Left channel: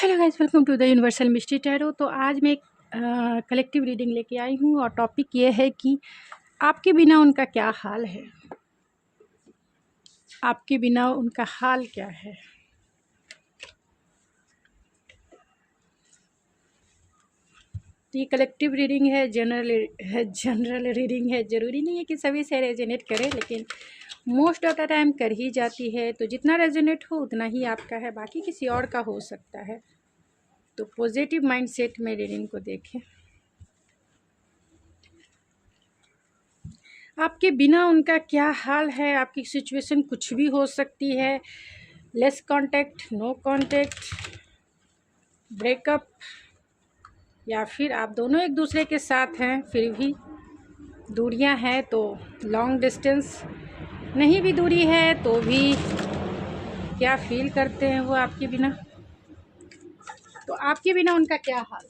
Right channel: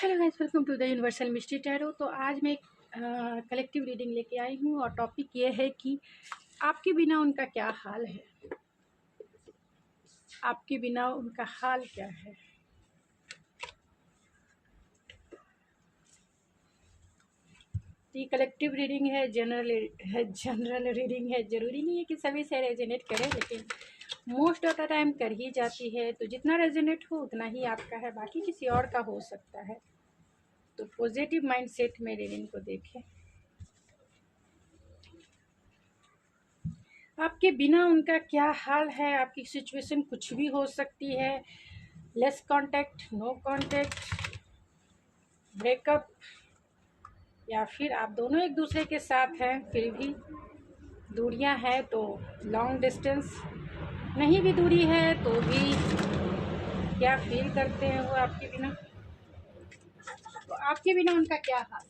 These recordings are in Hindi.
Hello guys, welcome to the universal mystery tarot. तो आज मैं एक कलेक्टिव रीडिंग लेके आई हूँ और टॉपिक ये है कि आपके बिना उनका क्या हाल है। आपके बिना उनका हाल क्या है। तो ये कलेक्टिव रीडिंग है, जनरल रीडिंग है। ज़रूरी नहीं है कि सभी से रेजोनेट करे, लेकिन मोस्ट ऑफ द टाइम कर ही जाती है। तो जितना रेजोनेट हो उतना ही आपका है, बाकी किसी और का हो सकता है। तो पॉजिटिव माइंडसेट में रीडिंग को देखें। आपके बिना उनका क्या हाल है। आपकी सिचुएशन कुछ भी हो सकती है। Less contact, no contact, breakup, या फिर आप दोनों एक दूसरे के साथ हैं फिर भी दूरियां हैं। तो लॉन्ग डिस्टेंस, नहीं भी दूरी है तो भी क्या फील करते हैं वो आपके बिना। तो आपके बिना उनका क्या हाल।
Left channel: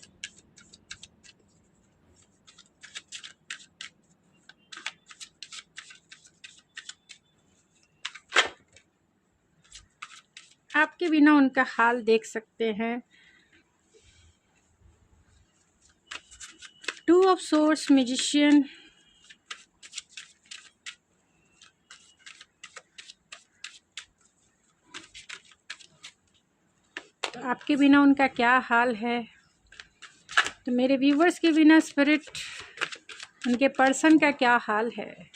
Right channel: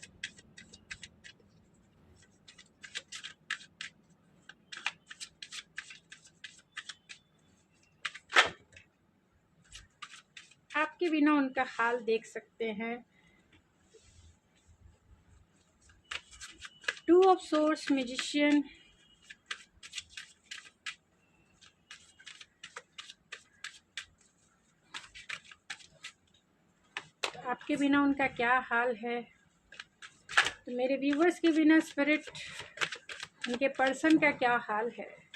आपके बिना उनका हाल देख सकते हैं। टू ऑफ सोर्ड्स, मैजिशियन, तो आपके बिना उनका क्या हाल है। तो मेरे व्यूवर्स के बिना स्पिरिट उनके पर्सन का क्या हाल है।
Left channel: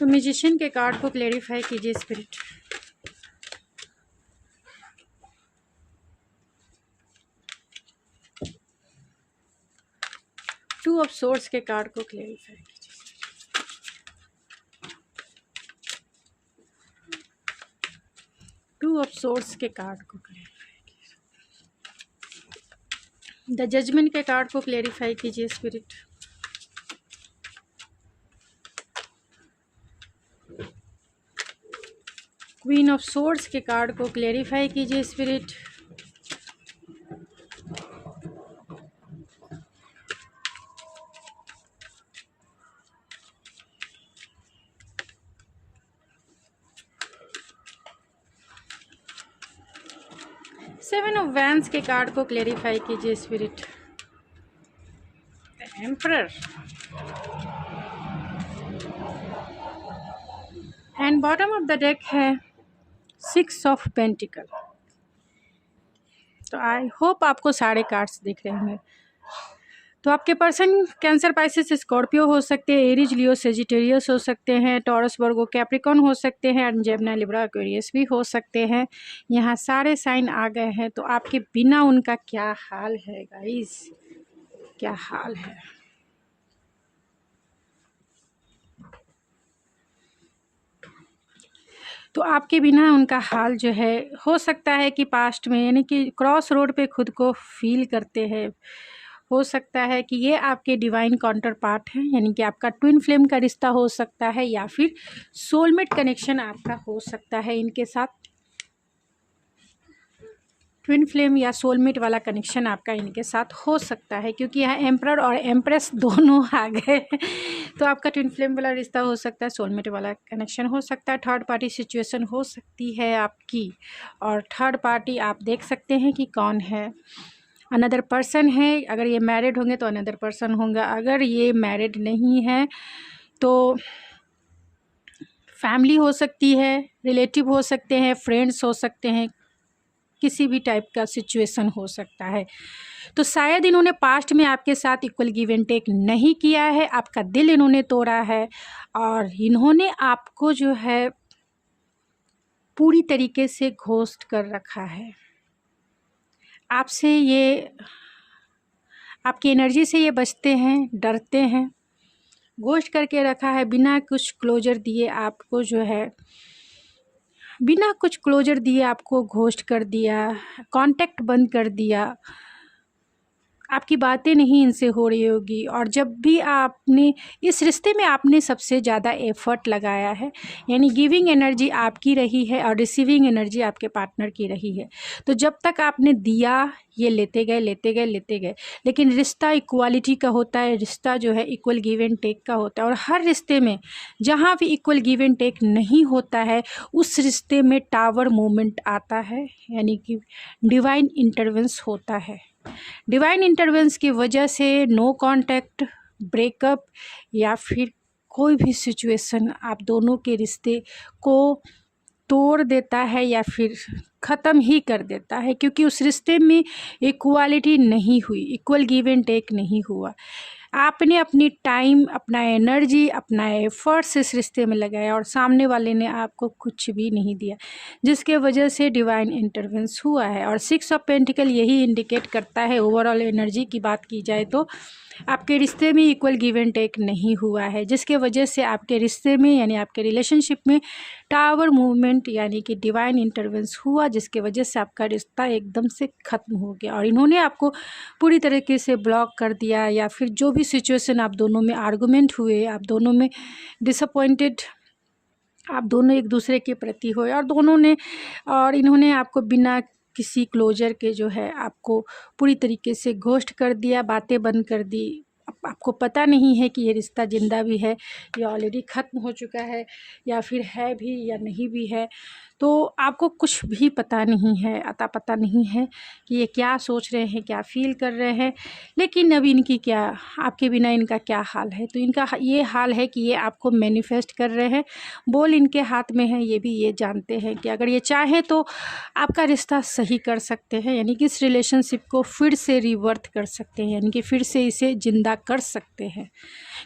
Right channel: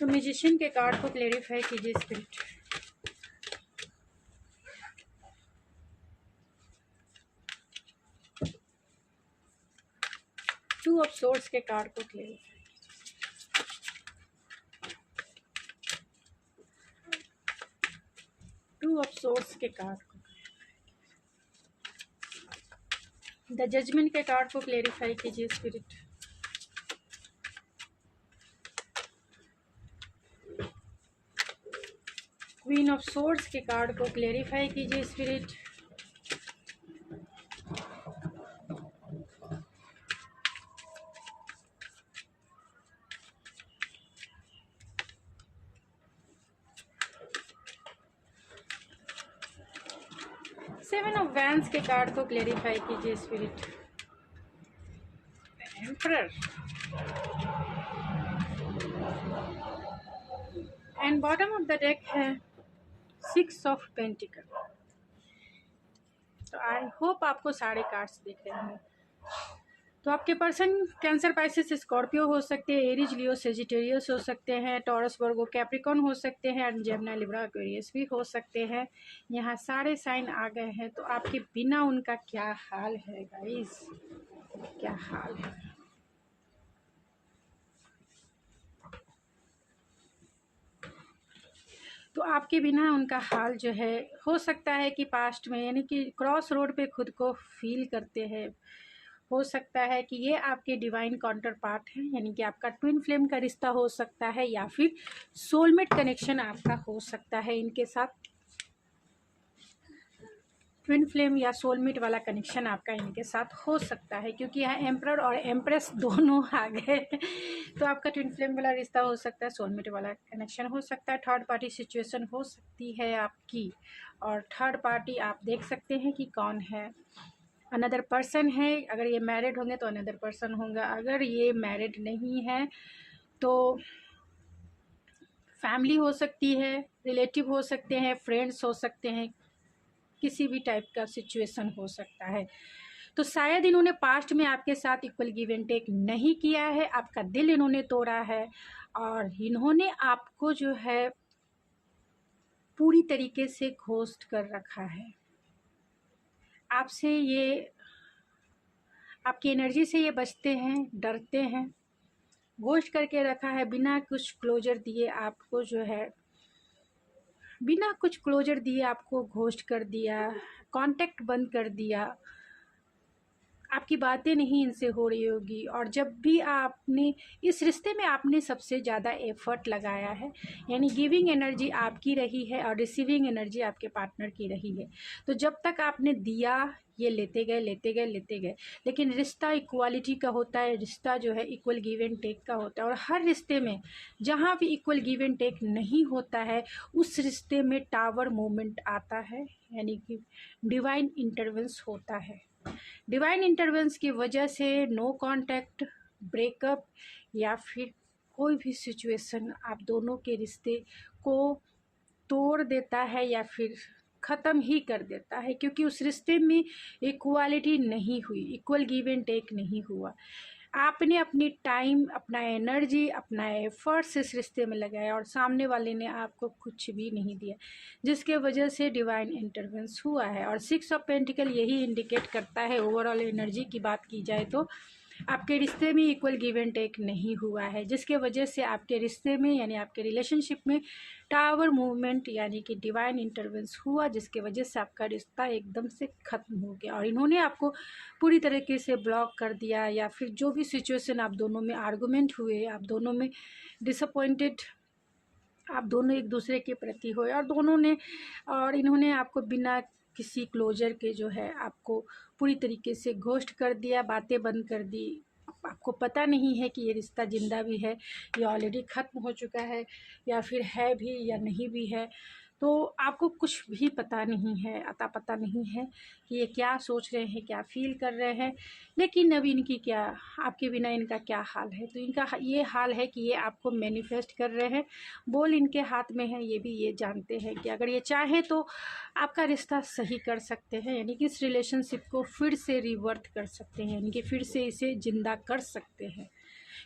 तो म्यूजिशियन के कार्ड को क्लेरिफाई कीजिए स्पिरिट। टू ऑफ सोर्ड्स के कार्ड को क्लेरिफाई कीजिए। टू ऑफ सोर्ड्स के कार्ड को क्लेरिफाई कीजिए। द जजमेंट के कार्ड को क्लेरिफाई कीजिए स्पिरिट। क्वीन ऑफ सोर्ड्स के कार्ड को क्लेरिफाई कीजिए स्पिरिट। सेवन ऑफ वैंस के कार्ड को क्लेरिफाई कीजिए spirit. Emperor and bottom of the deck है सिक्स ऑफ पेंटिकल। तो आई होप आपको सारे कार्ड्स दिख रहे होंगे। तो आपके पर्सन कैंसर, पाइसेस, स्कॉर्पियो हो सकते हैं, एरीज, लियो, सेजिटेरियस हो सकते हैं, टॉरस, वर्गो, कैप्रिकॉन हो सकते हैं, जेमिनी, लिब्रा, एक्वेरियस भी हो सकते हैं। यहाँ सारे साइन आ गए हैं। तो आपके बिना उनका क्या हाल है गाइस, क्या हाल है। तो आपके बिना उनका हाल जो है, हो सकता है कि पास्ट में, यानी कि क्रॉस रोड पे खुद को फील करते हैं। हो सकता है कि ये आपके डिवाइन काउंटर पार्ट हैं, यानी कि आपका ट्विन फ्लेम का रिश्ता हो सकता है, या फिर सोलमेट कनेक्शन आपका हो सकता है इनके साथ। ट्विन फ्लेम या सोलमेट वाला कनेक्शन आपका इनके साथ हो सकता है, क्योंकि यहाँ एम्परर और एम्प्रेस दोनों आ गए। तो आपका ट्विन फ्लेम वाला रिश्ता हो सकता है, सोलमेट वाला कनेक्शन हो सकता है, थर्ड पार्टी सिचुएशन हो सकती है आपकी। और थर्ड पार्टी आप देख सकते हैं कि कौन है। अनदर पर्सन है। अगर ये मैरिड होंगे तो अनदर पर्सन होगा। अगर ये मैरिड नहीं है तो फैमिली हो सकती है, रिलेटिव हो सकते हैं, फ्रेंड्स हो सकते हैं, किसी भी टाइप का सिचुएशन हो सकता है। तो शायद इन्होंने पास्ट में आपके साथ इक्वल गिव एंड टेक नहीं किया है, आपका दिल इन्होंने तोड़ा है, और इन्होंने आपको जो है पूरी तरीके से घोस्ट कर रखा है। आपसे ये, आपकी एनर्जी से ये बचते हैं, डरते हैं, घोस्ट करके रखा है। बिना कुछ क्लोजर दिए आपको जो है, बिना कुछ क्लोजर दिए आपको घोस्ट कर दिया, कांटेक्ट बंद कर दिया। आपकी बातें नहीं इनसे हो रही होगी, और जब भी आपने इस रिश्ते में आपने सबसे ज़्यादा एफर्ट लगाया है, यानी गिविंग एनर्जी आपकी रही है और रिसीविंग एनर्जी आपके पार्टनर की रही है। तो जब तक आपने दिया, ये लेते गए लेते गए लेते गए, लेकिन रिश्ता इक्वालिटी का होता है, रिश्ता जो है इक्वल गिव एंड टेक का होता है। और हर रिश्ते में जहाँ भी इक्वल गिव एंड टेक नहीं होता है, उस रिश्ते में टावर मूवमेंट आता है, यानी कि डिवाइन इंटरवेंस होता है। डिवाइन इंटरवेंस की वजह से नो कांटेक्ट, ब्रेकअप या फिर कोई भी सिचुएशन आप दोनों के रिश्ते को तोड़ देता है या फिर ख़त्म ही कर देता है, क्योंकि उस रिश्ते में इक्वालिटी नहीं हुई, इक्वल गिव एंड टेक नहीं हुआ। आपने अपनी टाइम, अपना एनर्जी, अपना एफर्ट्स इस रिश्ते में लगाया और सामने वाले ने आपको कुछ भी नहीं दिया, जिसके वजह से डिवाइन इंटरवेंस हुआ है। और 6 ऑफ पेंटिकल यही इंडिकेट करता है, ओवरऑल एनर्जी की बात की जाए तो आपके रिश्ते में इक्वल गिव एंड टेक नहीं हुआ है, जिसके वजह से आपके रिश्ते में यानी आपके रिलेशनशिप में टावर मूवमेंट यानी कि डिवाइन इंटरवेंस हुआ, जिसके वजह से आपका रिश्ता एकदम से ख़त्म हो गया और इन्होंने आपको पूरी तरीके से ब्लॉक कर दिया। या फिर जो भी सिचुएशन आप दोनों में आर्गुमेंट हुए, आप दोनों में डिसअपॉइंटेड, आप दोनों एक दूसरे के प्रति हुए और इन्होंने आपको बिना किसी क्लोजर के जो है आपको पूरी तरीके से घोस्ट कर दिया, बातें बंद कर दी। आपको पता नहीं है कि ये रिश्ता ज़िंदा भी है या ऑलरेडी ख़त्म हो चुका है या फिर है भी या नहीं भी है। तो आपको कुछ भी पता नहीं है, अता पता नहीं है कि ये क्या सोच रहे हैं, क्या फ़ील कर रहे हैं। लेकिन अब इनकी क्या, आपके बिना इनका क्या हाल है। तो इनका ये हाल है कि ये आपको मैनिफेस्ट कर रहे हैं, बॉल इनके हाथ में है। ये भी ये जानते हैं कि अगर ये चाहें तो आपका रिश्ता सही कर सकते हैं, यानी कि इस रिलेशनशिप को फिर से रिवर्थ कर सकते हैं, यानी कि फिर से इसे ज़िंदा कर सकते हैं,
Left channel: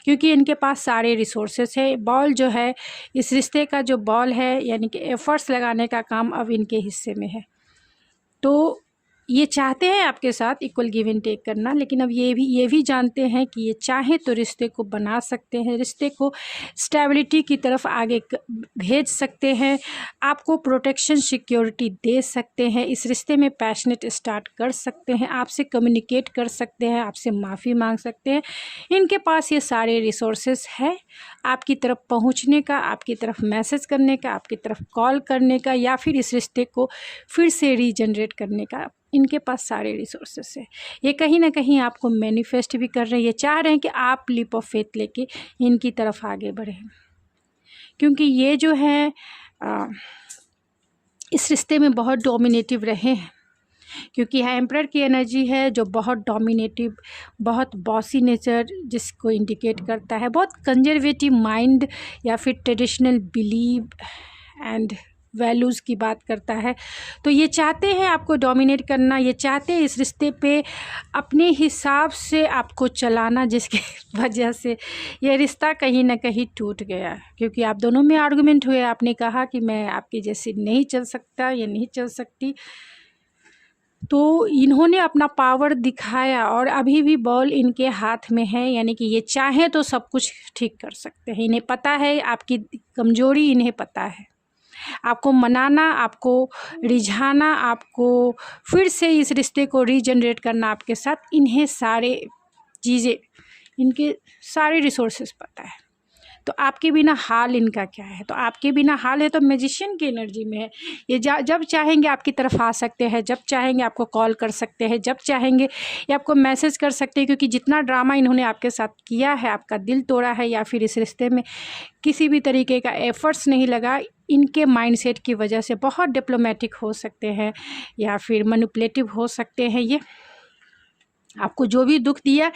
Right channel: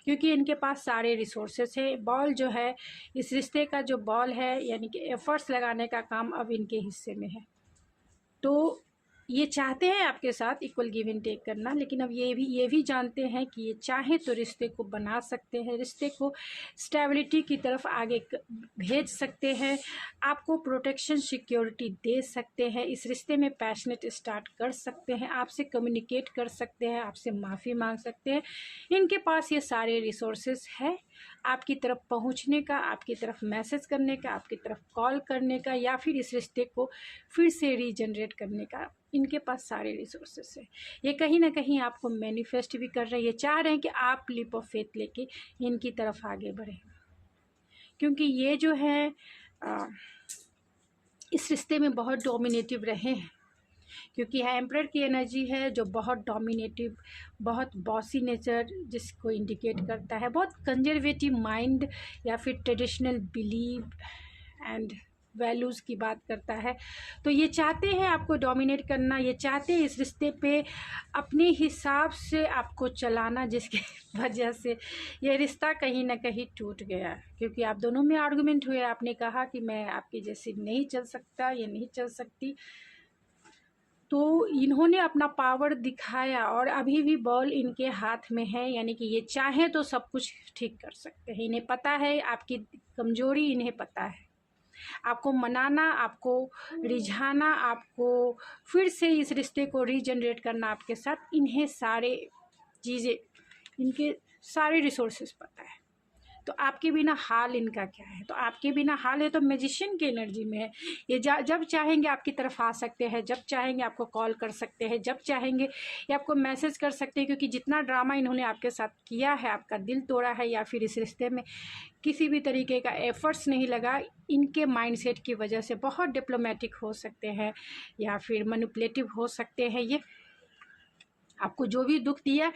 क्योंकि इनके पास सारे रिसोर्सेस है। बॉल जो है, इस रिश्ते का जो बॉल है यानी कि एफर्ट्स लगाने का काम अब इनके हिस्से में है। तो ये चाहते हैं आपके साथ इक्वल गिव एंड टेक करना, लेकिन अब ये भी जानते हैं कि ये चाहें तो रिश्ते को बना सकते हैं, रिश्ते को स्टेबिलिटी की तरफ आगे भेज सकते हैं, आपको प्रोटेक्शन सिक्योरिटी दे सकते हैं, इस रिश्ते में पैशनेट स्टार्ट कर सकते हैं, आपसे कम्युनिकेट कर सकते हैं, आपसे माफ़ी मांग सकते हैं। इनके पास ये सारे रिसोर्सेस है आपकी तरफ पहुंचने का, आपकी तरफ मैसेज करने का, आपकी तरफ कॉल करने का, या फिर इस रिश्ते को फिर से रीजनरेट करने का। इनके पास सारे रिसोर्सेस है। ये कहीं ना कहीं आपको मैनिफेस्ट भी कर रहे हैं, ये चाह रहे हैं कि आप लीप ऑफ फेथ लेके इनकी तरफ आगे बढ़ें, क्योंकि ये जो है इस रिश्ते में बहुत डोमिनेटिव रहे हैं, क्योंकि यह एम्परर की एनर्जी है जो बहुत डोमिनेटिव, बहुत बॉसी नेचर जिसको इंडिकेट करता है, बहुत कंजर्वेटिव माइंड या फिर ट्रेडिशनल बिलीव एंड वैल्यूज़ की बात करता है। तो ये चाहते हैं आपको डोमिनेट करना, ये चाहते हैं इस रिश्ते पे अपने हिसाब से आपको चलाना, जिसके वजह से ये रिश्ता कहीं ना कहीं टूट गया, क्योंकि आप दोनों में आर्गुमेंट हुए। आपने कहा कि मैं आपकी जैसी नहीं चल सकता, ये नहीं चल सकती। तो इन्होंने अपना पावर दिखाया और अभी भी बॉल इनके हाथ में है, यानी कि ये चाहें तो सब कुछ ठीक कर सकते हैं। इन्हें पता है आपकी कमजोरी, इन्हें पता है आपको मनाना, आपको रिझाना, आपको फिर से इस रिश्ते को रीजनरेट करना आपके साथ, इन्हें सारे चीज़ें, इनके सारे रिसोर्सेज पता है। तो आपके बिना हाल इनका क्या है, तो आपके बिना हाल है तो मैजिशियन की एनर्जी में है। ये जब चाहेंगे आपकी तरफ आ सकते हैं, जब चाहेंगे आपको कॉल कर सकते हैं, जब चाहेंगे ये आपको मैसेज कर सकते हैं, क्योंकि जितना ड्रामा इन्होंने आपके साथ किया है, आपका दिल तोड़ा है या फिर इस रिश्ते में किसी भी तरीके का एफर्ट्स नहीं लगा, इनके माइंडसेट की वजह से बहुत डिप्लोमेटिक हो सकते हैं या फिर मैनिपुलेटिव हो सकते हैं। ये आपको जो भी दुख दिया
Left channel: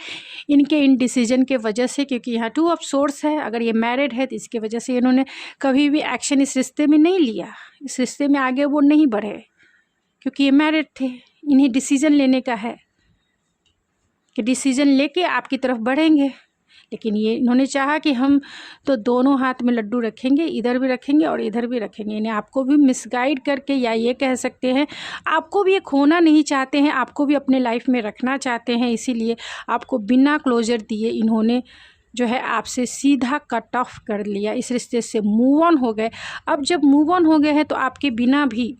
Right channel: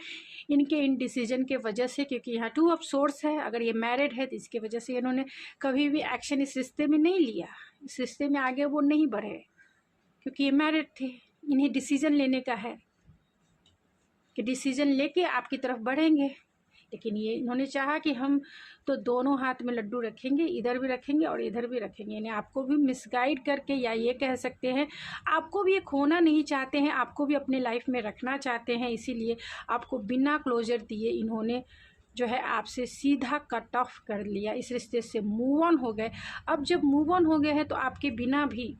इनके इन डिसीजन के वजह से, क्योंकि यहाँ 2 ऑफ सोर्स है। अगर ये मैरिड है तो इसके वजह से इन्होंने कभी भी एक्शन इस रिश्ते में नहीं लिया, इस रिश्ते में आगे वो नहीं बढ़े, क्योंकि ये मैरिड थे। इन्हें डिसीजन लेने का है कि डिसीजन लेके आपकी तरफ बढ़ेंगे, लेकिन ये इन्होंने चाहा कि हम तो दोनों हाथ में लड्डू रखेंगे, इधर भी रखेंगे और इधर भी रखेंगे। इन्हें आपको भी मिसगाइड करके, या ये कह सकते हैं आपको भी ये खोना नहीं चाहते हैं, आपको भी अपने लाइफ में रखना चाहते हैं, इसीलिए आपको बिना क्लोजर दिए इन्होंने जो है आपसे सीधा कट ऑफ कर लिया, इस रिश्ते से मूव ऑन हो गए। अब जब मूव ऑन हो गए हैं तो आपके बिना भी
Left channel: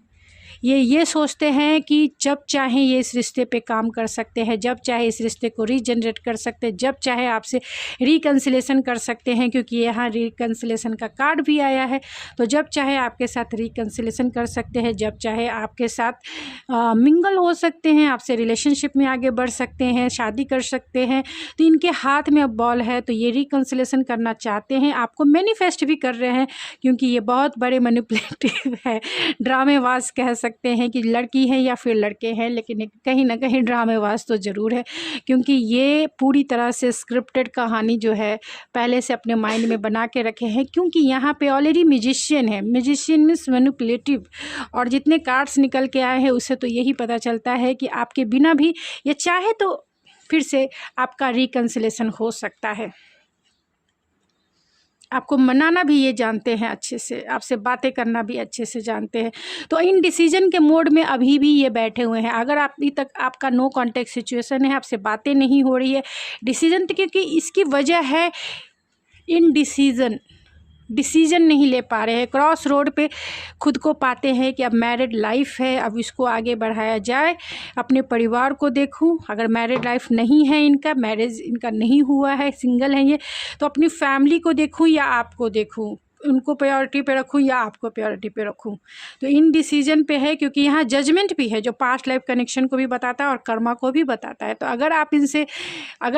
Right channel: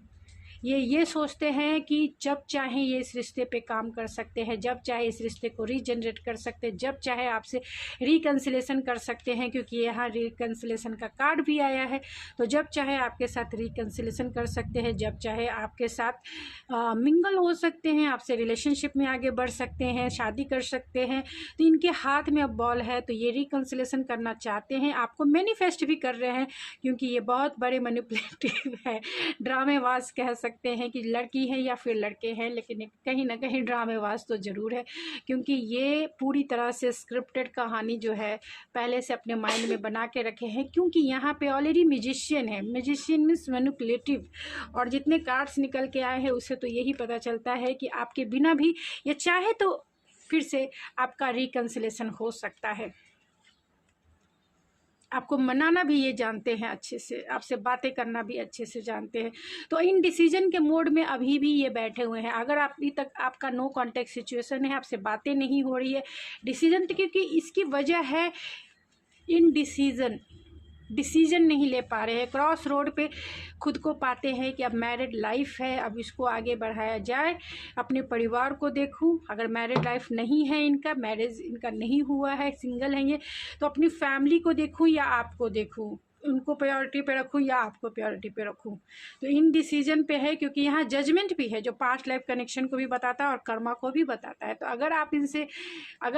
ये सोचते हैं कि जब चाहें ये इस रिश्ते पे काम कर सकते हैं, जब चाहे इस रिश्ते को रीजनरेट कर सकते हैं, जब चाहे आपसे रिकन्सिलेशन कर सकते हैं, क्योंकि यहाँ रिकन्सिलेशन का कार्ड भी आया है। तो जब चाहे आपके साथ रिकन्सिलेशन कर सकते हैं, जब चाहे आपके साथ मिंगल हो सकते हैं, आपसे रिलेशनशिप में आगे बढ़ सकते हैं, शादी कर सकते हैं। तो इनके हाथ में अब बॉल है, तो ये रिकन्सिलेशन करना चाहते हैं, आपको मैनिफेस्ट भी कर रहे हैं, क्योंकि ये बहुत बड़े मैनिपुलेटिव है, ड्रामेबाज कह सकते हैं कि लड़की है या फिर लड़के हैं, लेकिन कहीं ना कहीं ड्रामेबाज तो ज़रूर है, क्योंकि ये पूरी तरह से स्क्रिप्टेड कहानी जो है पहले से अपने माइंड में बना के रखे हैं। क्योंकि यहाँ पे ऑलरेडी म्यूजिशियन है, म्यूजिशियन मीन्स मैनिपुलेटिव, और जितने कार्ड्स निकल के आए हैं उससे तो यही पता चलता है कि आपके बिना भी ये चाहे तो फिर से आपका रिकन्सिलेशन हो सकता है। आपको मनाना भी ये जानते हैं अच्छे से, आपसे बातें करना भी अच्छे से जानते हैं। तो इन डिसीजन के मोड में अभी भी ये बैठे हुए हैं। अगर आप अभी तक आपका नो कॉन्टैक्ट सिचुएशन है, आपसे बातें नहीं हो रही है, डिसीजन तो, क्योंकि इसकी वजह है डिसीजन नहीं ले पा रहे हैं, क्रॉस रोड पे खुद को पाते हैं कि अब मैरिड लाइफ है, अब इसको आगे बढ़ाया जाए, अपने परिवार को देखूं। अगर मैरिड लाइफ नहीं है, इनका मैरिज इनका नहीं हुआ है, सिंगल है ये, तो अपनी फैमिली को देखूं या आपको देखूं, उनको प्रायोरिटी पे रखूं या आपको प्रायोरिटी पे रखूं। तो इन डिसीजन पे है, क्योंकि यहाँ जजमेंट भी है जो पास्ट लाइफ कनेक्शन को भी बताता है और कर्मा को भी बताता है। तो अगर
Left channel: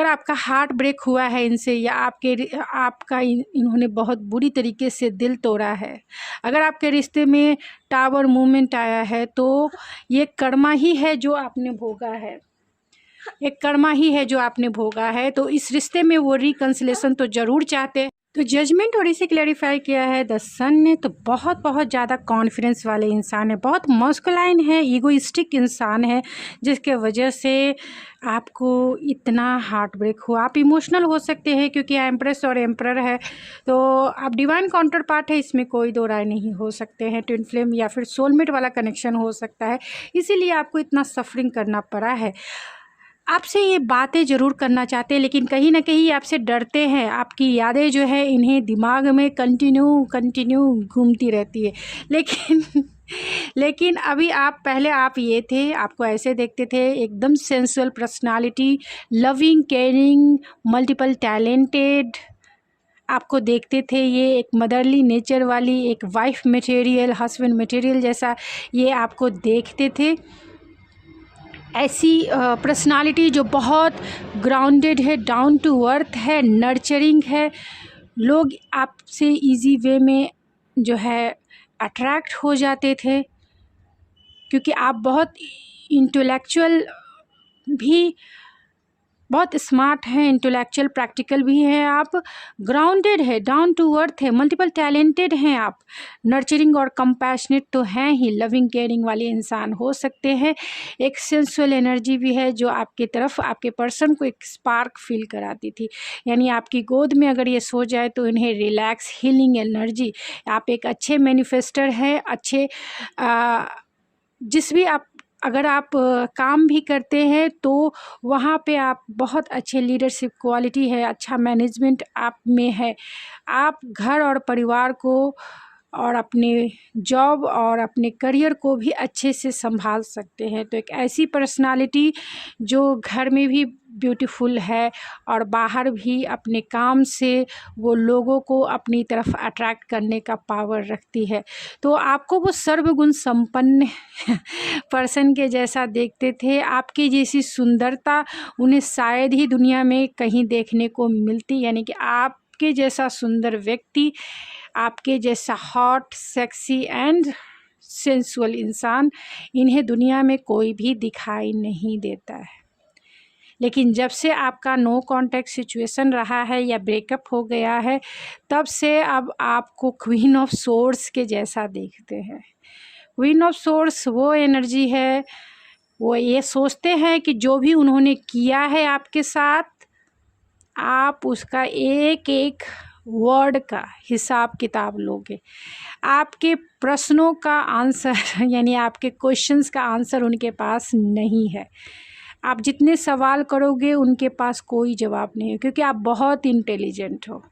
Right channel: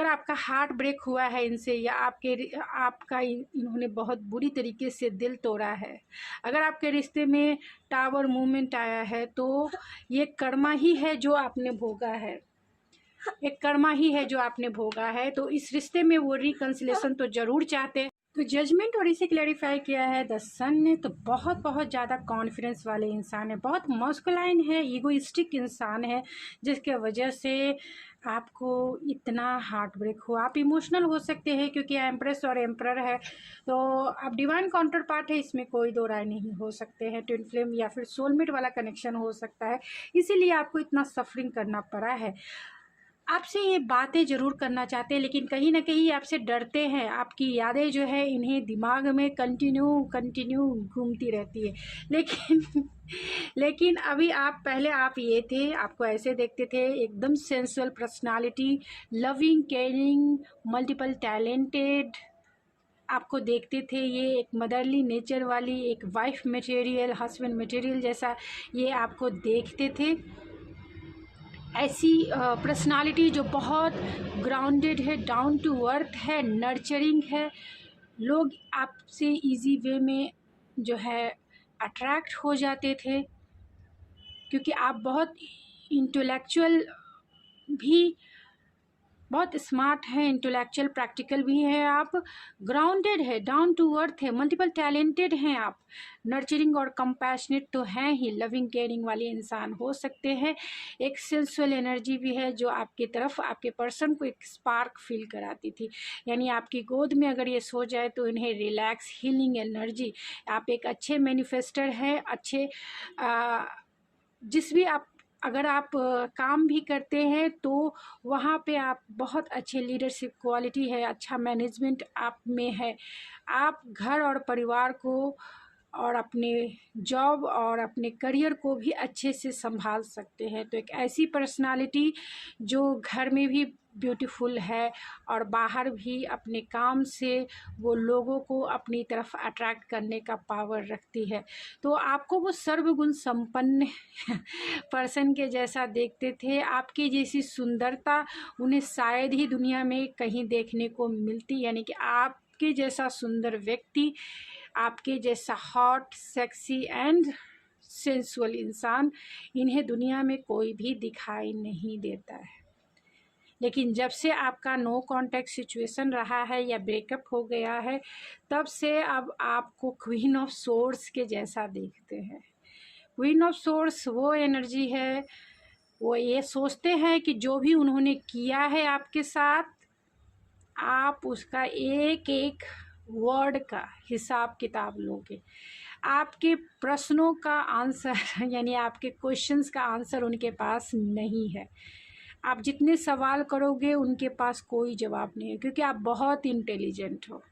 आपका हार्ट ब्रेक हुआ है इनसे, या आपका इन्होंने बहुत बुरी तरीके से दिल तोड़ा है, अगर आपके रिश्ते में टावर मूवमेंट आया है, तो ये कर्मा ही है जो आपने भोगा है, एक कर्मा ही है जो आपने भोगा है। तो इस रिश्ते में वो रिकन्सिलेशन तो ज़रूर चाहते हैं। तो जजमेंट और इसे क्लैरिफाई किया है द सन ने। तो बहुत ज़्यादा कॉन्फिडेंस वाले इंसान है, बहुत मस्कुलाइन है, ईगोइस्टिक इंसान है, जिसके वजह से आपको इतना हार्ट ब्रेक हुआ। आप इमोशनल हो सकते हैं क्योंकि एम्प्रेस और एम्परर है, तो आप डिवाइन काउंटर पार्ट है, इसमें कोई दो राय नहीं हो सकते हैं। ट्विन फ्लेम या फिर सोलमेट वाला कनेक्शन हो सकता है, इसीलिए आपको इतना सफरिंग करना पड़ा है। आपसे ये बातें ज़रूर करना चाहते हैं, लेकिन कहीं ना कहीं आपसे डरते हैं। आपकी यादें जो है इन्हें दिमाग में कंटिन्यू घूमती रहती है। लेकिन अभी पहले आप ये थे, आपको ऐसे देखते थे, एकदम sensual personality, loving, caring, multiple talented आपको देखते थे। ये एक मदरली नेचर वाली, एक वाइफ मटेरियल, हस्बैंड मटेरियल जैसा ये आपको देखते थे। ऐसी पर्सनालिटी जो बहुत ग्राउंडेड है, डाउन टू अर्थ है, नर्चरिंग है। लोग आपसे इजी वे में जो है अट्रैक्ट हो जाते थे, क्योंकि आप बहुत इंटेलेक्चुअल भी, बहुत स्मार्ट हैं, इंटेलेक्चुअल प्रैक्टिकल भी हैं आप, ग्राउंडेड है, डाउन टू अर्थ है, मल्टीपल टैलेंटेड हैं आप, नर्चरिंग और कंपैशनेट तो हैं ही, लविंग केयरिंग वाले इंसान हो सकते हैं। एक सेंसुअल एनर्जी भी है जो आपकी तरफ, आपके पर्सन को एक स्पार्क फील कराती थी। यानी आपकी गोद में अगर ये सो जाए तो इन्हें रिलैक्स, हीलिंग एनर्जी। आप एक अच्छे मैनिफेस्टर हैं, अच्छे जिस भी आप अगर आप काम भी करते हैं तो वहाँ पे आप बहुत अच्छे लीडरशिप क्वालिटी है, अच्छा मैनेजमेंट आप में है। आप घर और परिवार को और अपने जॉब और अपने करियर को भी अच्छे से संभाल सकते हैं। तो एक ऐसी पर्सनालिटी जो घर में भी ब्यूटीफुल है और बाहर भी अपने काम से वो लोगों को अपनी तरफ अट्रैक्ट करने का पावर रखती है। तो आपको वो सर्वगुण संपन्न पर्सन के जैसा देखते थे। आपकी जैसी सुंदरता उन्हें शायद ही दुनिया में कहीं देखने को मिलती, यानी कि आपके जैसा सुंदर व्यक्ति, आपके जैसा हॉट, सेक्सी एंड सेंसुअल इंसान इन्हें दुनिया में कोई भी दिखाई नहीं देता है। लेकिन जब से आपका नो कॉन्टैक्ट सिचुएशन रहा है या ब्रेकअप हो गया है, तब से अब आपको क्वीन ऑफ सोर्स के जैसा देखते हैं। क्वीन ऑफ सोर्स वो एनर्जी है, वो ये सोचते हैं कि जो भी उन्होंने किया है आपके साथ, आप उसका एक एक वर्ड का हिसाब किताब लोगे। आपके प्रश्नों का आंसर यानी आपके क्वेश्चंस का आंसर उनके पास नहीं है। आप जितने सवाल करोगे उनके पास कोई जवाब नहीं है, क्योंकि आप बहुत इंटेलिजेंट हो।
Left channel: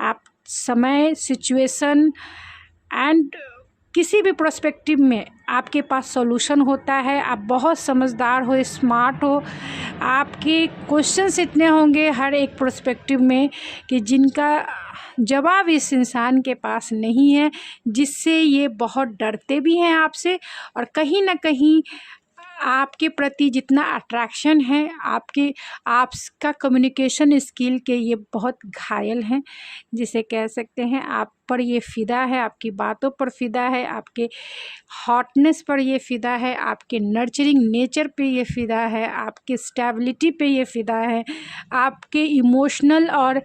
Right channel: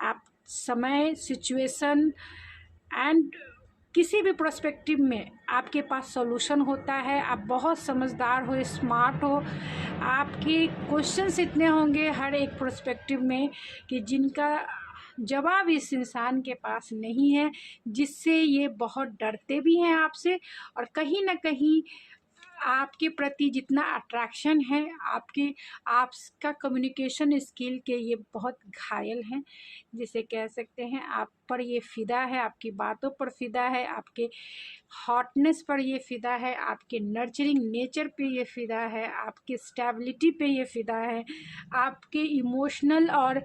आप समय, सिचुएशन एंड किसी भी प्रोस्पेक्टिव में आपके पास सॉल्यूशन होता है। आप बहुत समझदार हो, स्मार्ट हो, आपके क्वेश्चंस इतने होंगे हर एक प्रोस्पेक्टिव में कि जिनका जवाब इस इंसान के पास नहीं है, जिससे ये बहुत डरते भी हैं आपसे, और कहीं ना कहीं आपके प्रति जितना अट्रैक्शन है, आपका कम्युनिकेशन स्किल के ये बहुत घायल हैं, जिसे कह सकते हैं आप पर ये फ़िदा है, आपकी बातों पर फ़िदा है, आपके हॉटनेस पर ये फ़िदा है, आपके नर्चरिंग नेचर पे ये फ़िदा है, आपके स्टेबिलिटी पे ये फ़िदा है, आपके इमोशनल और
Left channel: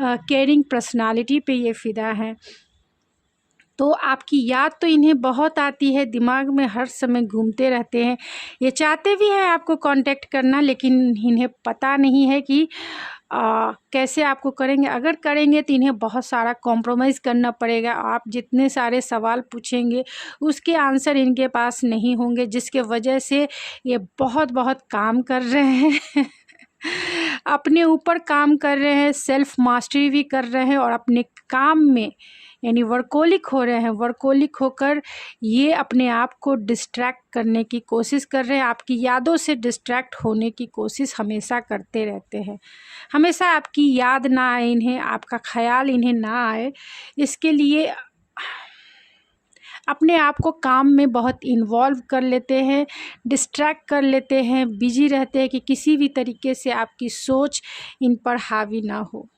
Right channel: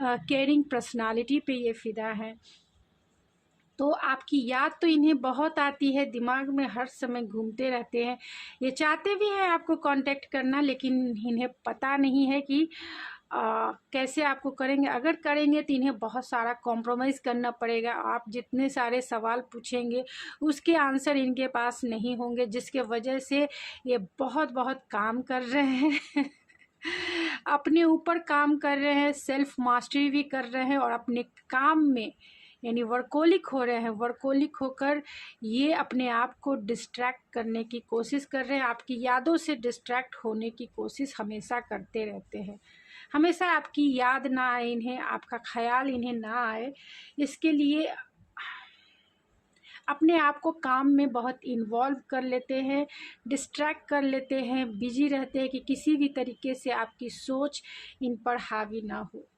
केयरिंग पर्सनालिटी पे ये फ़िदा है। तो आपकी याद तो इन्हें बहुत आती है, दिमाग में हर समय घूमते रहते हैं। ये चाहते भी हैं आपको कांटेक्ट करना, लेकिन इन्हें पता नहीं है कि कैसे आपको करेंगे। अगर करेंगे तो इन्हें बहुत सारा कॉम्प्रोमाइज़ करना पड़ेगा। आप जितने सारे सवाल पूछेंगे उसके आंसर इनके पास नहीं होंगे, जिसके वजह से ये बहुत बहुत काम कर रहे हैं अपने ऊपर काम कर रहे हैं, सेल्फ मास्टरी भी कर रहे हैं, और अपने काम में यानी वर्कोलिक हो रहे हैं। वर्कोलिक होकर ये अपने आप को डिस्ट्रैक्ट करने की कोशिश कर रहे हैं, आपकी यादों से डिस्ट्रैक्ट होने की कोशिश हमेशा करते रहते हैं। हमेशा आपकी याद ना आए इन्हें, आपका ख्याल इन्हें ना आए, इसके लिए अपने आप को काम में बहुत इन्वॉल्व कर लेते हैं, डिस्ट्रैक्ट कर लेते हैं, बिजी रहते हैं कि किसी भी तरीके से आपकी सोच इन पर हावी ना हो।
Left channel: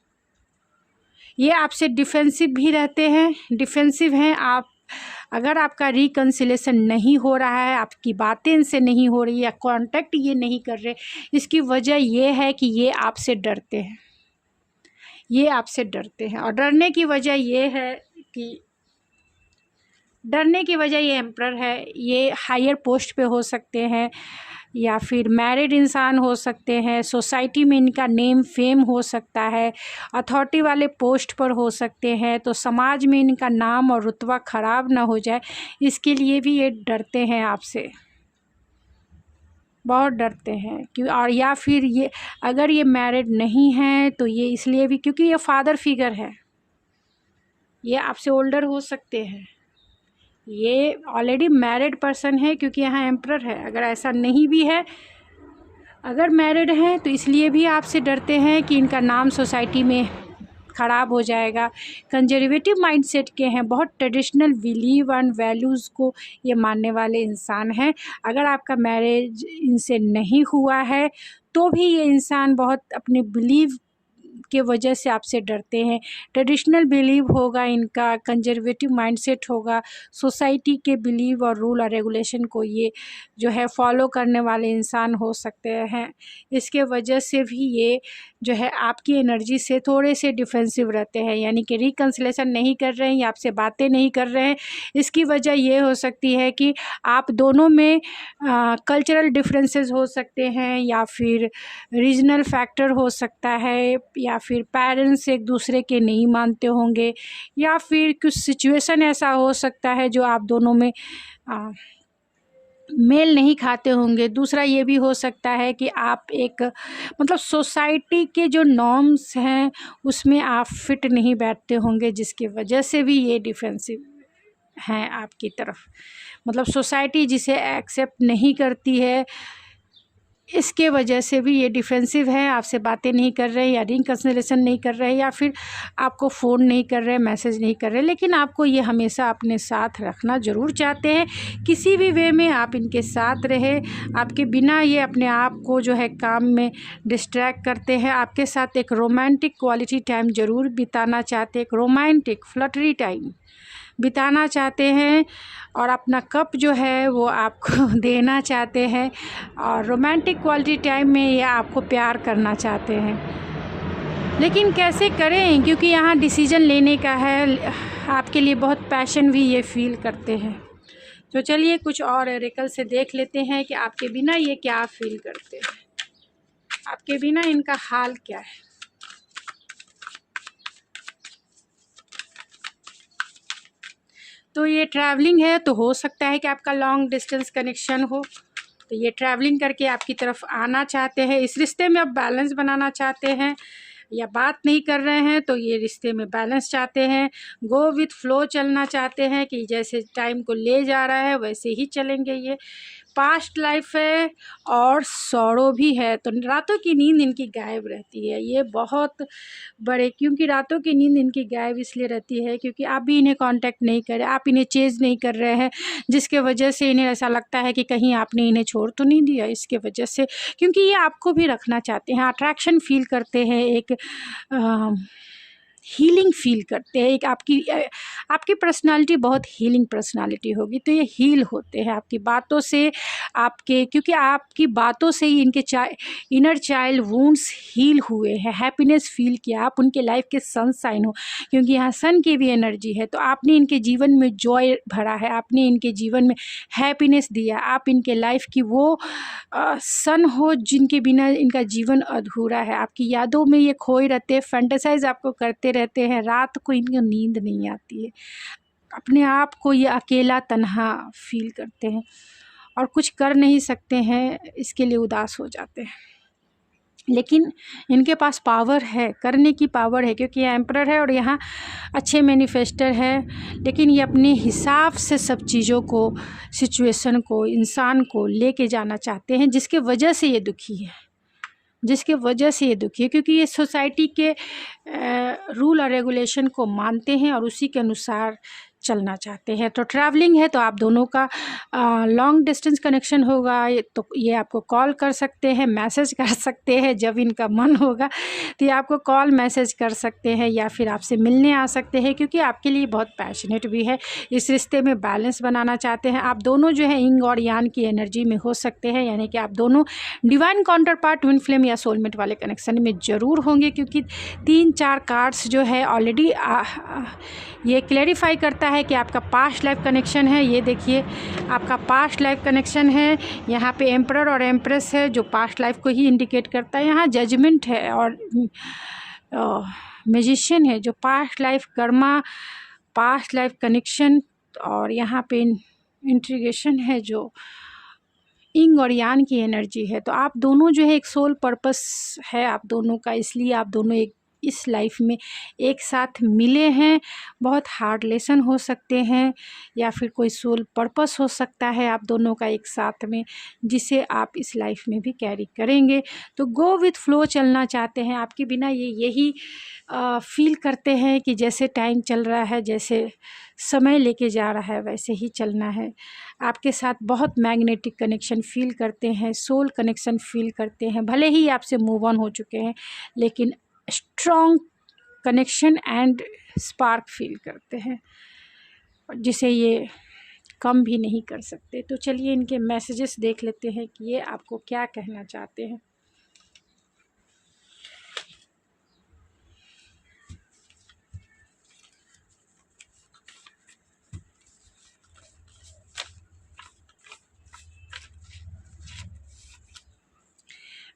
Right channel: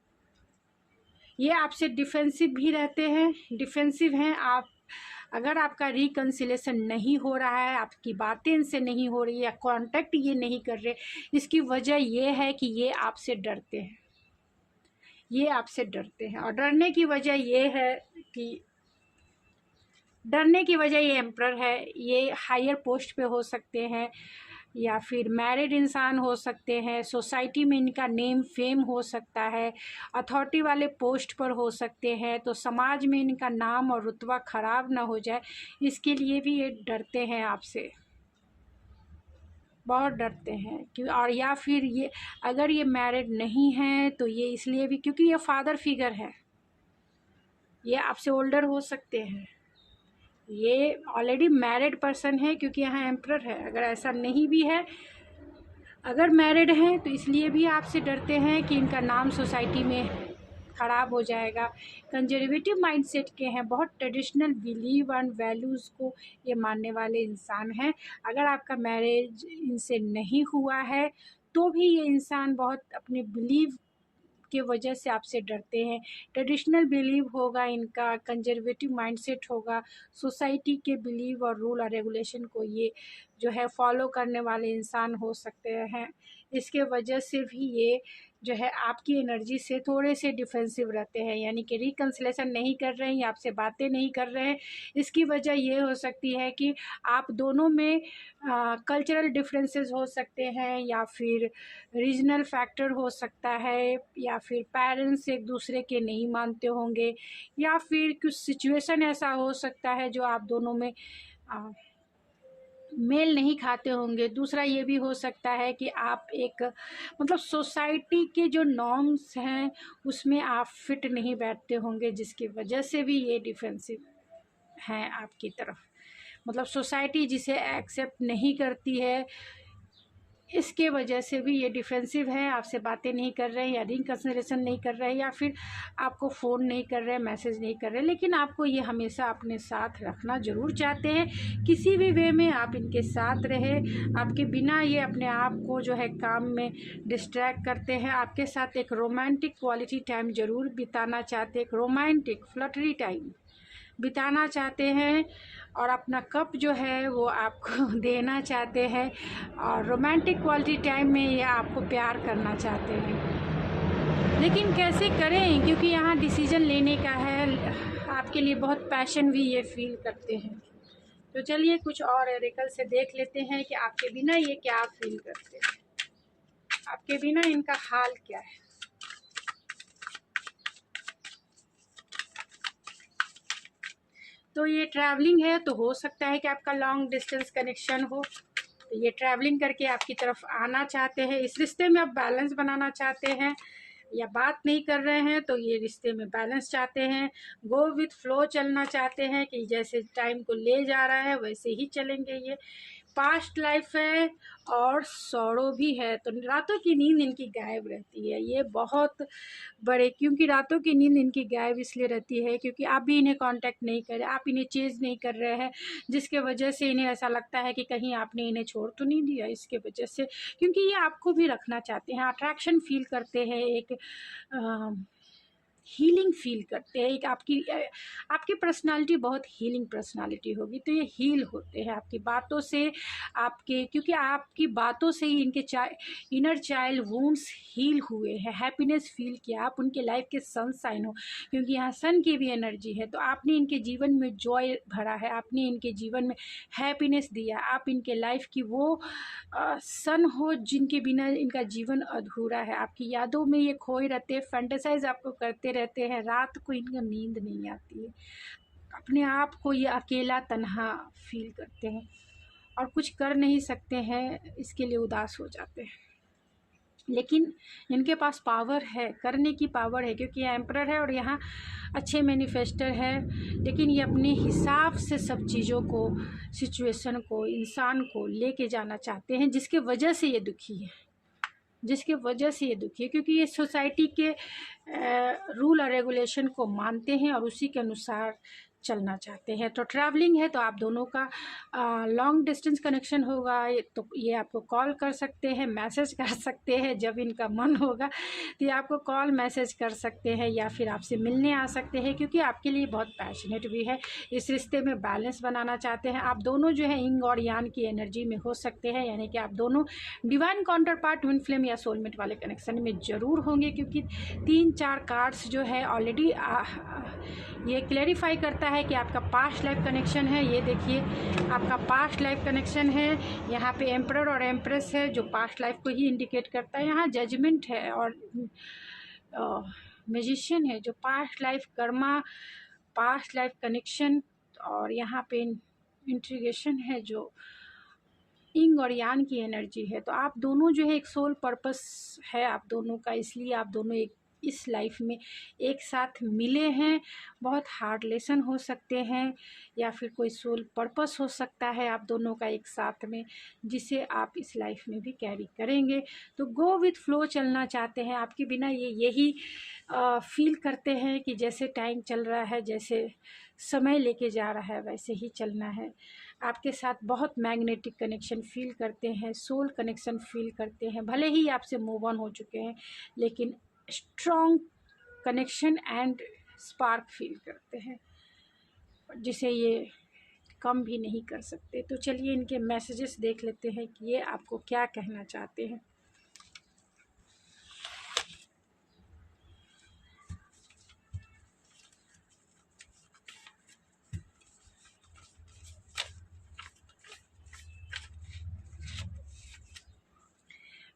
ये आपसे डिफेंसिव भी रहते हैं, डिफेंसिव हैं आप। अगर आपका रिकन्सिलेशन नहीं हो रहा है, आपकी बातें इनसे नहीं हो रही या कांटेक्ट ये नहीं कर रहे, इसकी वजह ये है कि ये आपसे डरते हैं, ये आपसे डरते हैं। और डरने की वजह ये है कि ये एम्परर है, ये हायर पोस्ट पे हो सकते हैं या फिर मैरिड इंसान हो सकते हैं, सोसाइटी में इनका नेम फेम हो सकता है, अथॉरिटी वाले पोस्ट पर हो सकते हैं, तो समाज में इनका नाम और रुतबा ख़राब ना हो जाए, इसके लिए भी ये डरते हैं आपसे, बहुत डरते हैं। क्यों? और या फिर ये अगर ये मैरिड नहीं हैं तो ये इसलिए भी क्योंकि ये फादर फिगर है, ये आपसे ओल्डर हो सकते हैं, ये ऑलरेडी मैरिड पर्सन है क्योंकि यहाँ एम्परर है। अगर ऐसा नहीं भी है, अगर मैरिड हैं तो इसलिए भी आपसे डरते हैं कि इनका नाम सोसाइटी में ख़राब हो जाएगा। कंजर्वेटिव माइंडसेट के हैं, बहुत ट्रेडिशनल बिलीव एंड वैल्यूज़ को ये मानने वाले इंसान हैं। अगर आपका मैरिज इनसे नहीं हुआ है तो भी ये इंसान बहुत अपने बिलीव के वजह से आपसे डरते हैं। ट्रेडिशनल बिलीव होगा इनका, कंजर्वेटिव माइंडसेट होगा, सोसाइटी के बिलीव और रूल और रेगुलेशन को ये जो है फॉलो करने वाले इंसान हो सकते हैं। इसके वजह से भी ये जो है आपकी एनर्जी से थोड़े से डिफेंसिव रहते हैं, यानी कि रिकन्सिलेशन नहीं कर रहे हैं या आपसे बातें नहीं कर रहे हैं। इसकी वजह ये हो सकती है कि आप दोनों में कल्चरल डिफरेंसेस हो सकते हैं, या फिर रीजनल फैक्टर हो सकता है, या फिर पेरेंट्स एक दूसरे के नहीं मानते होंगे, या फिर कुछ सिचुएशन ऐसा हो सकता है जो आप दोनों में मेल नहीं खाते होंगे। दूसरा ये भी हो सकता है कि आप एक मतलब सोसाइटी के जो नॉर्म्स हैं उसमें आप फिट नहीं बैठते होंगे, जिसकी वजह से भी ये डिफेंसिव हैं आपकी तरफ। मतलब सोसाइटी जिसे एक्सेप्ट नहीं करती है, इसके वजह से भी ये डिफेंसिव है, आपसे बातें नहीं कर रहे या रिकन्सिलेशन नहीं कर रहे, या फिर आपको फ़ोन नहीं कर रहे, मैसेज नहीं कर रहे, लेकिन आपको ये हमेशा अपने साथ रखना ज़रूर चाहते हैं। किसी भी वे में आप इनके साथ रहे, आपके बिना ये अपने आप को जो है काम में डिस्ट्रैक्ट करते हैं। आपके साथ एक रोमांटिक क्वालिटी टाइम ज़रूर बिताना चाहते हैं, एक रोमांटिक फ्लटरी टाइम बिताना चाहते हैं, और अपना कप जो है वो आपको देना चाहते हैं, और रोमांटिक क्वालिटी टाइम में ये आपको प्यार करना चाहते हैं। लेकिन कैसे करें, क्योंकि यहाँ डिसीजन लेने का है, आपके लिए बहुत पैशन भी ये फील करते हैं। तो चलिए कुछ और ओरेकल से देख लेते हैं कि आपके बिना ये क्या फील करते हैं, आपके बिना इनका हाल क्या है। तो ये ट्रैवलिंग है, तो हो सकता है कि आपका लॉन्ग डिस्टेंस कनेक्शन हो, तो ये ट्रैवलिंग करके आपकी तरफ आना चाहते हैं। इस रिश्ते में आप बैलेंस बनाना चाहते हैं, या बात नहीं कर रहे हैं तो ये रिश्ते में बैलेंस चाहते हैं, गो विथ फ्लो चलना चाहते हैं कि जैसे टाइम को ले जा रहा है वैसे ही चलेंगे। ये पास्ट लाइफ है और सौरो भी है, तो रातों की नींद इनकी गायब रहती है। ये बहुत बड़े, क्योंकि रातों की नींद इनकी गायब इसलिए रहती है क्योंकि आप भी इन्हें कांटेक्ट नहीं कर रहे, आप इन्हें चेज़ नहीं कर रहे हैं, जिसके वजह से इन्हें ऐसा लगता है कि कहीं आपने इन्हें छोड़ तो नहीं दिया, इसके वजह से, क्योंकि ये आपको भी रखना चाहते हैं, अट्रैक्शन फील करते हैं, एक हीलिंग फील करते हैं। एक आपकी पर्सनालिटी बहुत हीलिंग पर्सनालिटी होगी, तो ये हील होते हैं आपकी बातों से, क्योंकि आपकी बातों से ही इनके इनर चाइल्ड वुंड्स हील हुए हैं, हैप्पीनेस फील किया, आप उनके लाइफ के सनशाइन हो, क्योंकि यहाँ सन की भी एनर्जी है, तो आपने इनके जीवन में जॉय भरा है, आपने इनके जीवन में हैप्पीनेस दिया, आप इनके लाइफ की वो सन हो जिनके बिना इनका जीवन अधूरा है। आपकी यादों में ये खोए रहते हैं, फैंटेसाइज आपको करते रहते हैं, रात को इनको नींद नहीं आती है, अपने आप को ये अकेला तन्हा फील करते हैं और कुछ कर नहीं सकते हैं, इसके लिए उदास हो जाते हैं। लेकिन इनके पास पावर है, करने की पावर है, क्योंकि ये एम्परर है और यहाँ अच्छे मैनिफेस्टर है, लेकिन ये अपने हिसाब से सब चीज़ों को, सिचुएशन को, इंसान को लेके जाना चाहते हैं, जिसके वजह से ये दुखी है, क्योंकि ये सोसाइटी के रूल और रेगुलेशन को मानते हैं और उसी के अनुसार चलना चाहते हैं। तो ट्रैवलिंग है तो आप दोनों का लॉन्ग डिस्टेंस कनेक्शन होगा, तो ये आपको कॉल कर सकते हैं, मैसेज कर सकते हैं, जब इनका मन होगा तो ये आपको कॉल मैसेज कर सकते हैं या फिर आपसे मिलने आ सकते हैं, क्योंकि आपके लिए बहुत पैशनेट भी है, इस रिश्ते में बैलेंस बनाना चाहते हैं। आप दोनों जो है यिंग और यांग की एनर्जी में हो सकते हैं, यानी कि आप दोनों divine counter part, twin flame या सोलमेट वाले कनेक्शन में ज़रूर होंगे, क्योंकि 3-4 कार्ड्स जो है ऑलरेडी ये क्लैरिफाई करता है कि आपका पास्ट लाइफ कनेक्शन है। ये देखिए आपका पास्ट लाइफ कनेक्शन है, यहाँ पे एम्परर और एम्प्रेस है जो पास्ट लाइफ को ही इंडिकेट करता है, यहाँ जजमेंट है और मैजिशियन है जो past life Karma, past life connection, और यहाँ पे इंट्रीगेशन है जो यिंग और यांग की एनर्जी है। तो आप दोनों जो है एक सोल पर्पस है आप दोनों का, इसलिए आप दोनों एक इस लाइफ में एक साथ मिले हैं। बहुत हार्ड लेसन हो सकते हैं या फिर कोई सोल पर्पस हो सकता है आप दोनों का एक साथ में, जिसे आप इस लाइफ में भी कैरी करेंगे। तो गो विथ फ्लो चलना चाहते हैं, आपके बिना ये यही फील करते हैं कि जैसे टाइम चल रहा है, जैसे समय लेके जा रहा है वैसे ही चलना है। आपके साथ बहुत मैग्नेटिक कनेक्शन फील करते हैं, सोल कनेक्शन फील करते हैं, भले ही आपसे मूव ऑन हो चुके हैं, लेकिन strong connection and spark feel करते हैं, जिसे ये कम भी नहीं कर सकते। तो चलिए इनके मैसेजेस देख लेते हैं कि ये आपको क्या कहना चाहते हैं।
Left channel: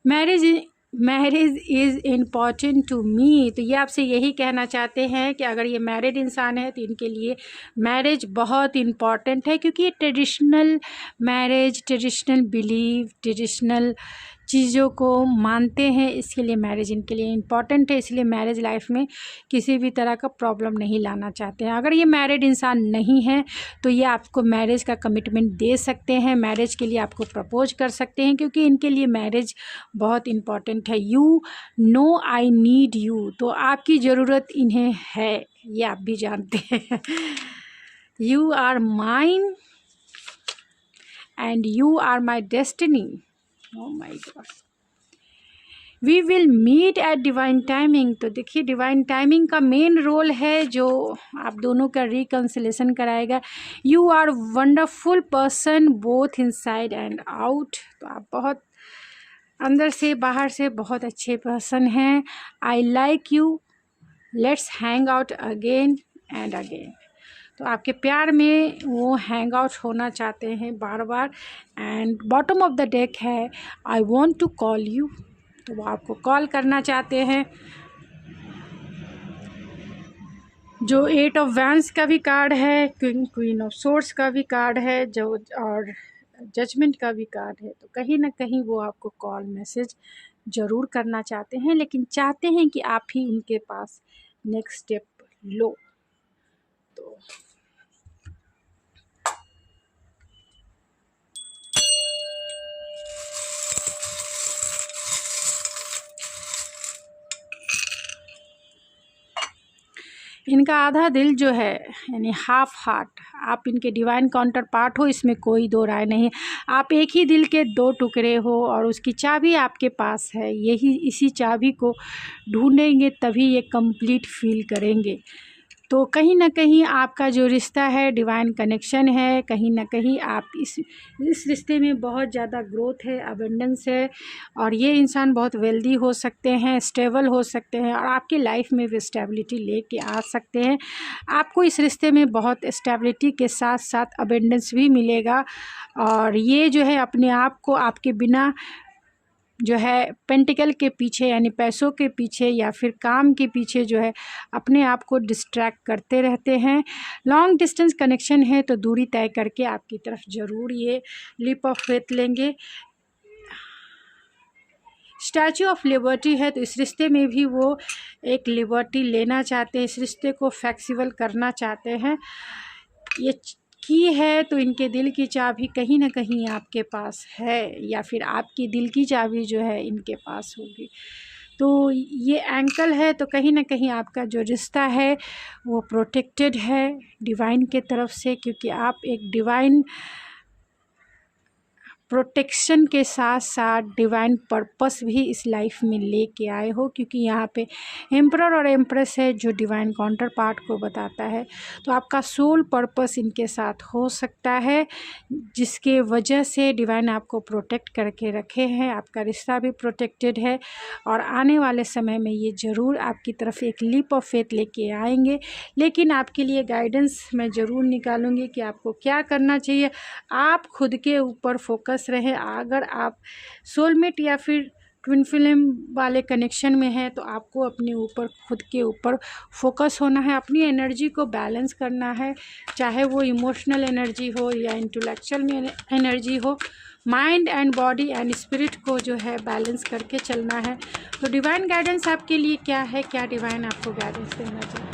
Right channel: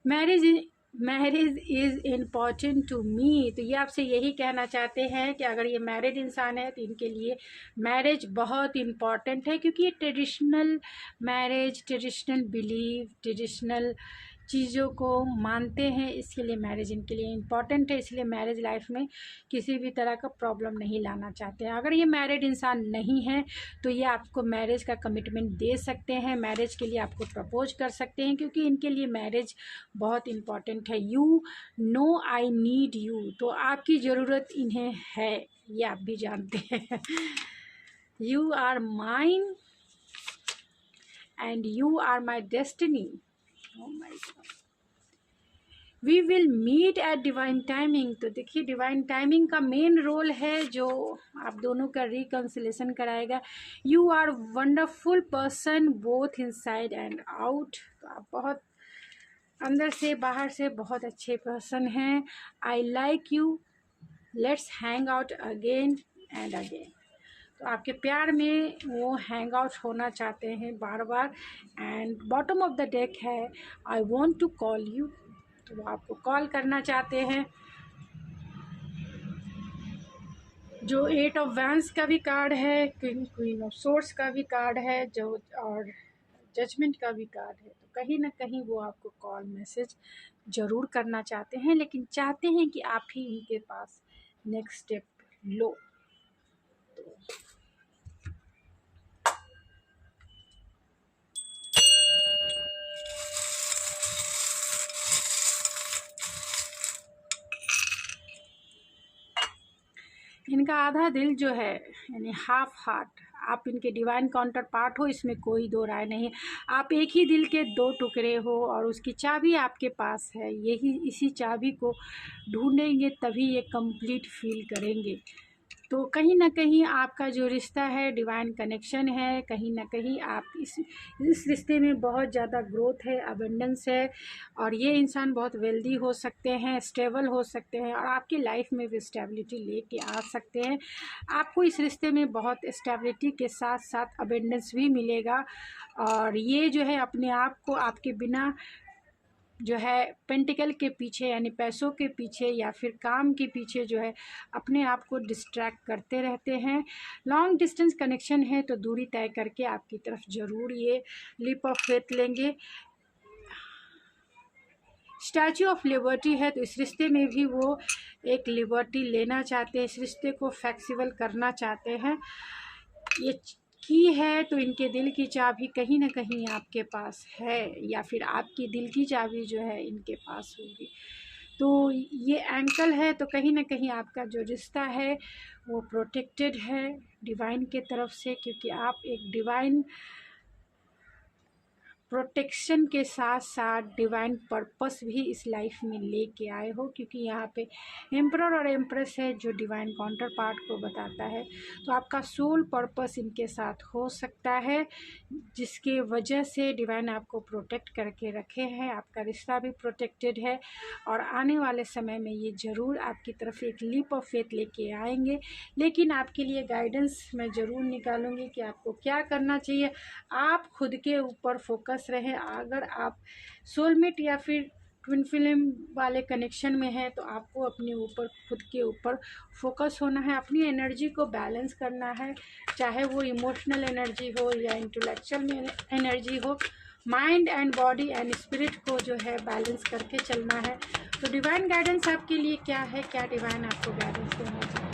Marriage is important to me, तो ये आपसे यही कहना चाहते हैं कि अगर ये मैरिड इंसान है तो इनके लिए मैरिज बहुत इम्पॉर्टेंट है, क्योंकि ये traditional marriage, traditional believe, traditional चीज़ों को मानते हैं, इसके लिए मैरिज इनके लिए इम्पॉर्टेंट है, इसलिए मैरिज लाइफ में किसी भी तरह का प्रॉब्लम नहीं लाना चाहते हैं। अगर ये मैरिड इंसान नहीं है तो ये आपको मैरिज का कमिटमेंट दे सकते हैं, मैरिज के लिए आपको प्रपोज कर सकते हैं, क्योंकि इनके लिए मैरिज बहुत इम्पॉर्टेंट है। You know I need you, तो आपकी ज़रूरत इन्हें है, ये आप भी जानते हैं। You are mine and you are my destiny. Oh my God. We will meet at divine timing, तो देखिए डिवाइन टाइमिंग का मेन रोल है जो आप दोनों का रिकन्सिलेशन कराएगा। You are wonderful person both inside and out, तो आप बहुत अंदर से बाहर से बहुत अच्छे पर्सन हैं। I like you, let's hang out again and again, तो आपके प्यार में वो हैंग आउट होना चाहते हैं बार बार। And bottom of the deck है I want to call you, तो वो आपको कॉल करना चाहते हैं। जो 8 ऑफ वैंड्स का भी कार्ड है, क्वीन ऑफ सोर्ड्स का भी कार्ड है, जो और जजमेंट का भी कार्ड है, तो कहीं ना कहीं वो आपको कॉल मैसेज ज़रूर करना चाहते हैं, लेकिन चाहते हैं कि आप ही उनके पास नेक्स्ट स्टेप लो। तो इनका आधा दिल जो है, यानी हाफ हार्ट, आप इनके डिवाइन काउंटर पार्ट हो, इसमें कोई दो राय नहीं। आप एक ही दिल के दो टुकड़े हो और उसकी चाबी आपके पास है। यही इसी चाबी को ढूंढेंगे तभी ये कंप्लीट फील करेंगे। तो कहीं न कहीं आपका जो रिश्ता है डिवाइन कनेक्शन है, कहीं न कहीं आप इस रिश्ते में बहुत ज़्यादा ग्रोथ है, अबंडेंस है, और ये इंसान बहुत वेल्दी हो सकते हैं, स्टेबल हो सकते हैं, और आपकी लाइफ में भी स्टेबिलिटी लेके आ सकते हैं। आपको इस रिश्ते में बहुत स्टेबिलिटी के साथ साथ अबंडेंस भी मिलेगा, और ये जो है अपने आप को आपके बिना जो है पेंटिकल के पीछे, यानी पैसों के पीछे या फिर काम के पीछे जो है अपने आप को डिस्ट्रैक्ट करते रहते हैं। लॉन्ग डिस्टेंस कनेक्शन है तो दूरी तय करके आपकी तरफ ज़रूर ये लीप ऑफ फेथ लेंगे। स्टैचू ऑफ लिबर्टी है तो इस रिश्ते में भी वो एक लिबर्टी लेना चाहते हैं, इस रिश्ते को फ्लेक्सिबल करना चाहते हैं। ये की है तो इनके दिल की चाबी कहीं ना कहीं आपके पास है, या फिर आपकी दिल की चाबी जो है इनके पास होगी। तो ये एंकल है तो कहीं ना कहीं आपका जो रिश्ता है वो प्रोटेक्टेड है डिवाइन के तरफ से, क्योंकि आप एक डिवाइन प्रोटेक्शन के साथ साथ डिवाइन पर्पस भी इस लाइफ में लेके आए हो, क्योंकि यहाँ पे एम्परर और एम्प्रेस है जो डिवाइन काउंटर पार्ट को बताता है। तो आपका सोल पर्पस इनके साथ हो सकता है, जिसके वजह से डिवाइन आपको प्रोटेक्ट करके रखे हैं। आपका रिश्ता भी प्रोटेक्टेड है, और आने वाले समय में ये ज़रूर आपकी तरफ एक लीप ऑफ फेथ लेके आएंगे। लेकिन आपके लिए गाइडेंस मैं ज़रूर निकालूंगी कि आपको क्या करना चाहिए। आप खुद के ऊपर फोकस रहे। अगर आप सोलमेट या फिर ट्विन फ्लेम वाले कनेक्शन में है तो आपको अपने ऊपर, खुद के ऊपर फोकस होना है, अपनी एनर्जी को बैलेंस करना है, चाहे वो इमोशनल एनर्जी हो या इंटेलेक्चुअल में एनर्जी हो। Mind and body and spirit को जो है बैलेंस करके चलना है। तो डिवाइन गाइडेंस आपके लिए क्या है, क्या डिवाइन आपको गाइडेंस देना चाहते हैं?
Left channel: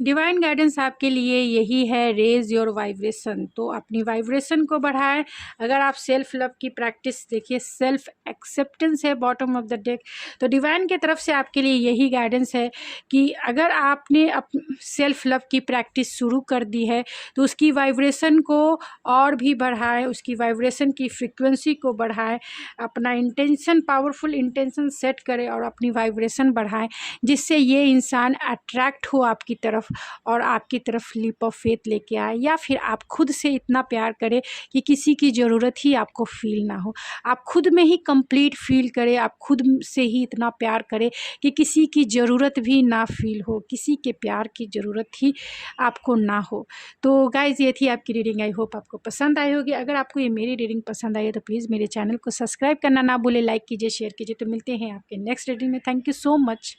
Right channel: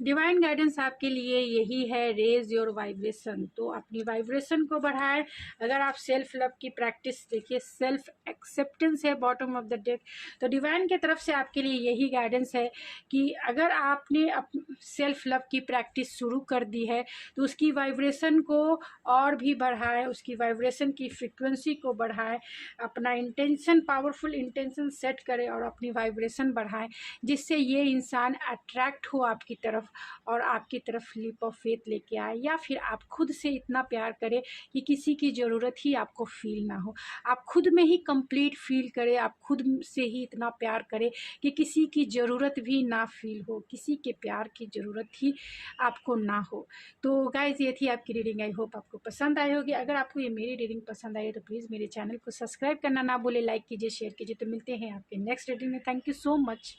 डिवाइन गाइडेंस आपके लिए यही है, रेज योर वाइब्रेशन। तो अपनी वाइब्रेशन को बढ़ाएं। अगर आप सेल्फ लव की प्रैक्टिस देखिए, सेल्फ एक्सेप्टेंस है बॉटम ऑफ द डेक, तो डिवाइन की तरफ से आपके लिए यही गाइडेंस है कि अगर आपने सेल्फ लव की प्रैक्टिस शुरू कर दी है तो उसकी वाइब्रेशन को और भी बढ़ाएं, उसकी वाइब्रेशन की फ्रिक्वेंसी को बढ़ाएं, अपना इंटेंशन, पावरफुल इंटेंशन सेट करें और अपनी वाइब्रेशन बढ़ाएं, जिससे ये इंसान अट्रैक्ट हो आपकी तरफ और आपकी तरफ लीप ऑफ फेथ लेके आए। या फिर आप खुद से इतना प्यार करें कि किसी की ज़रूरत ही आपको फील ना हो, आप खुद में ही कंप्लीट फील करें, आप खुद से ही इतना प्यार करें कि किसी की ज़रूरत भी ना फील हो, किसी के प्यार की ज़रूरत ही आपको ना हो। तो गाइज़, ये थी आपकी रीडिंग। आई होप आपको पसंद आई होगी। अगर आपको ये मेरी रीडिंग पसंद आई है तो प्लीज़ मेरे चैनल को सब्सक्राइब करना ना भूले, लाइक कीजिए, शेयर कीजिए। तो मिलते हैं आपके नेक्स्ट रीडिंग में। Thank you so much.